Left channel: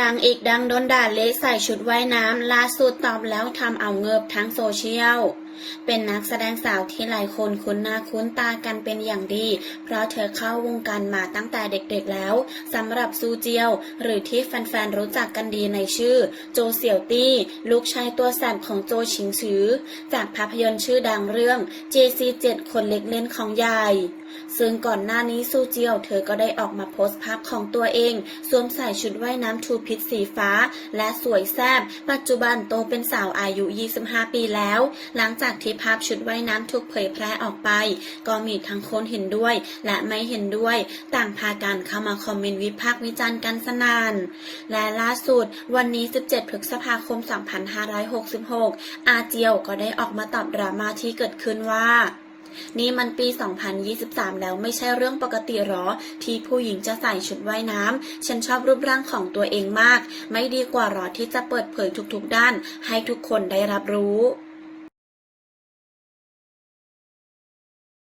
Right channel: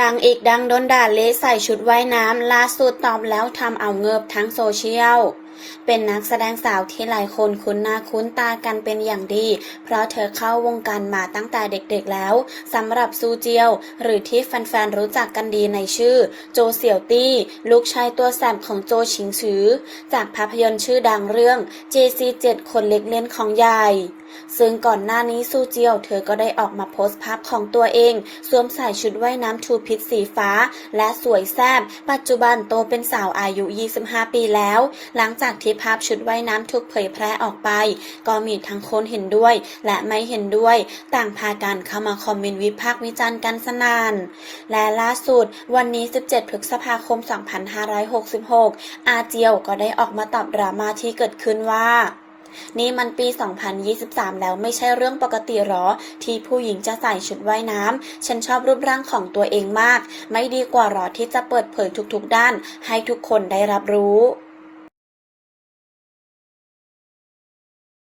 นางเอกดังโดนด่าเละใส่ชุดว่ายน้ำล่าสุดตอบแล้วทำเอาเงิบทั้งโซเชียล เป็นนักแสดงสาวที่หลายคนคุ้นหน้าคุ้นตากันเป็นอย่างดี เพราะเธอเข้าวงการมาตั้งแต่เด็กๆแล้วสำหรับซูเจียว หรือที่แฟนๆรู้จักกันดีในชื่อ โจเสี่ยวตี้ ลูกชายตัวแสบของโจชิงซือ จากภาพยนตร์ชื่อดังเรื่อง JC7 คนเล็กเล่นของยายซึ่งก่อนหน้านี้ซูเจียว เธอก็ได้ออกมาโพสต์ภาพของตัวเอง สวมใส่ชุดว่ายน้ำทูพิษสีฟ้า และสวยแซ่บปัจจุบันโตเป็นสาวอายุ 25 ปีแล้ว หลังจากจากที่ภาพชุดว่ายน้ำถูกเผยแพร่ออกไป ก็มีทั้งคนเห็นด้วย และไม่เห็นด้วย ต่างพากันเข้ามาคอมเมนต์วิพากษ์วิจารณ์กันสนาน และล่าสุด วันนี้ 17 พฤษภาคม 2566 อาเจียวก็ได้ออกมาตอบดราม่าที่เกิดขึ้นว่านี่มันปี 2023 แล้วไม่ใช่เรื่องปกติหรอ ที่ผู้หญิงจะใส่ชุดว่ายน้ำ ฉันชอบรูปร่างของตัวเองมาก ไม่ดีกว่าหรอที่จะเปิดเผยทุกๆด้าน ให้ทุกคนได้รับรู้